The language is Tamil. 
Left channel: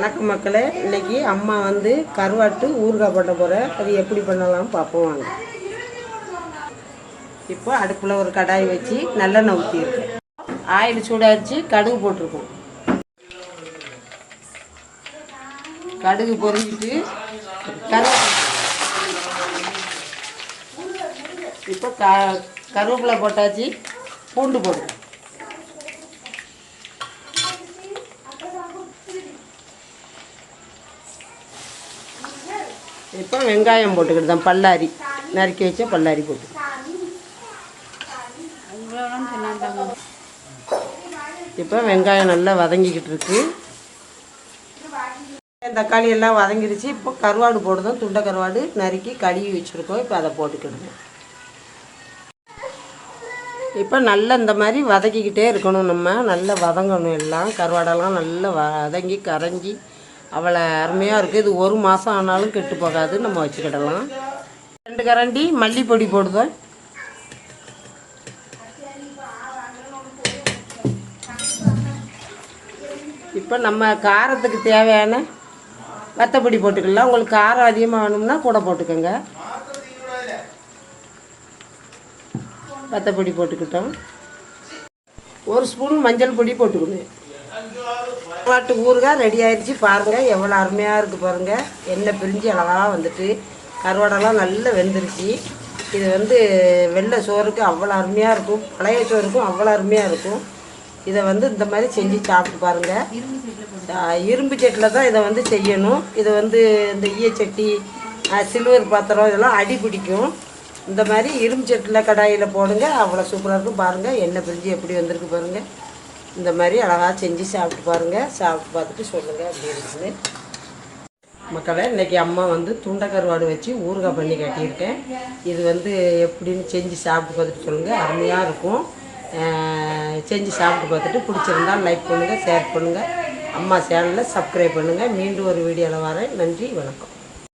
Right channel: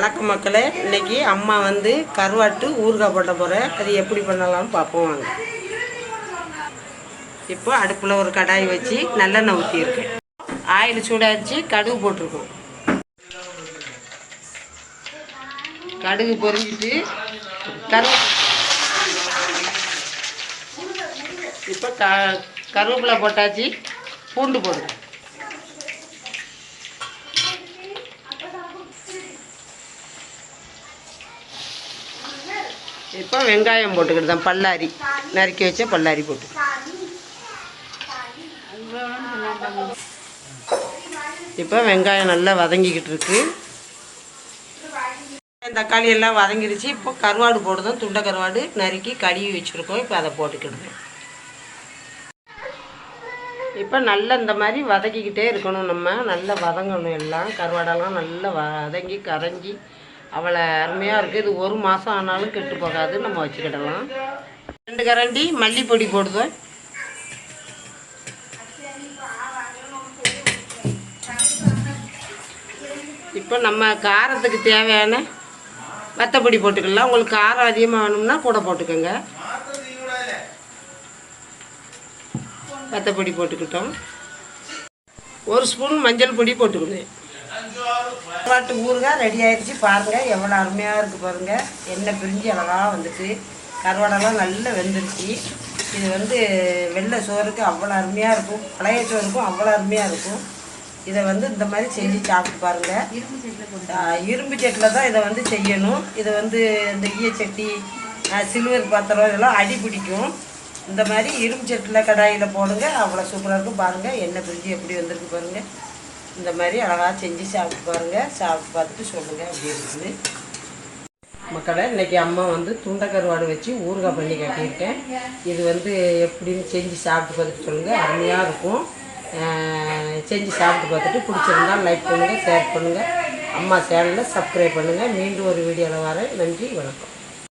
வணக்கம் மக்களே, இன்னைக்கு அம்மா வந்து கருவாட்டு ஊறுகாய் போட்ட போகிறேன். அது எப்படி பண்ணலாம்னு பார்ப்போம் வாங்க. இப்போ அடுப்பில் ஒரு கடாய் வச்சு நல்லெண்ணெய் ஊற்றியிருக்கேன். ஆயில் சூடாச்சு, கடுகு போட்டிருக்கோம். கடுகு பொரிஞ்சிட்டு இப்போ கருவேப்பிலை போட்டாச்சு, பூண்டு போடுறேன். இப்போ வெங்காயம் போட்டுக்கிட்டு தான், பல்லாரி நறுக்கி வச்ச பல்லாரி போட்டு. இப்போ வெங்காயம் நல்லா வதங்கிக்கிட்டு இருக்கு. தக்காளி எல்லாம் வதங்கிடுச்சு. இப்போ கருவாடு போடுதோம். துண்டை கருவாடு நறுக்கி கழுவி வச்சுருக்கோம். இப்போ அதை போட்டுக்கிடுவோம். இப்போ நல்லா இந்த மாதிரி வதக்கிக்கிட்டே இருக்கணும். நம்ம நல்லா வதங்கணும். எல்லாம் கருவாடெல்லாம் நல்லா வதங்கி கரைஞ்சி அவ்வளோ அருமையாக இருக்குது. இது ஒரு மாதம் ஆனாலும் கெட்டு போகாது. நம்ம வச்சுக்கிடலாம். 2 கரண்டி மல்லிப்பொடி போடுதோம். இப்போ நம்ம காரத்துக்கு தேவையான வத்தப்பொடி போட்டுக்கலாம். உங்களுக்கு காரம் அதிகமாக வேணும்னா கூட போட்டுக்கோங்க. வத்தப்பொடி போட்டுக்கிட்டோம். 1 ஸ்பூன் மஞ்சள் பொடி போட்டுக்கணும். கருவாட்டு ஊறுகாய் ரெடி ஆயிடுச்சு. பாருங்கள் எவ்வளோ அருமையாக இருக்குது பாருங்கள். எண்ணெய் பிரிஞ்சு அழகாக வந்துட்டு கருவாடெல்லாம் நல்லா வெந்துருச்சு. இது வந்து வெள்ளை சோறுக்கு அவ்வளோ அருமையாக இருக்கும். பழைய சோறுக்கும் அவ்வளோ அருமையாக இருக்கும். இதை வந்து இந்த மாதிரி செஞ்சு சாப்பிட்டு பாருங்கள். இரும்பு சட்டியில் தான் இதை வந்து செய்யணும். இதை வந்து இந்த ஈயச்சட்டி, சில்வர் பாத்திரம் இதெல்லாம் அடி பிடிக்கும். இந்த மாதிரி இரும்பு சட்டியில் கடாயில் போடுங்க. அவ்வளோ சூப்பராக இருக்கும். பாருங்கள் எண்ணெய் பிரிஞ்சு எப்படி வந்திருக்கு பாருங்கள். இந்த மாதிரி அழகாக செஞ்சு சாப்பிட்டு பாருங்கள். சாப்பிட்டு பார்த்துட்டு சொல்லுங்கள் அப்படி இருக்குது. மக்களை, இன்றைக்கி அம்மா வந்து துண்டை கருவாடு வச்சு ஊறுகாய் பண்ணி காட்டியிருக்கேன். இது வந்து எப்படின்னு செஞ்சு சாப்பிட்டு பார்த்துட்டு சொல்லுங்கள். அருமையாக இருக்கும். செஞ்சு சாப்பிட்டு பார்த்துட்டு பிடிச்சிருந்தால் லைக் பண்ணுங்கள், ஷேர் பண்ணுங்கள். அம்மா சேனலில் சப்ஸ்கிரைப் பண்ணுங்கள். மீண்டும் ஒரு வீடியோவில் வரேன். நன்றி, வணக்கம்.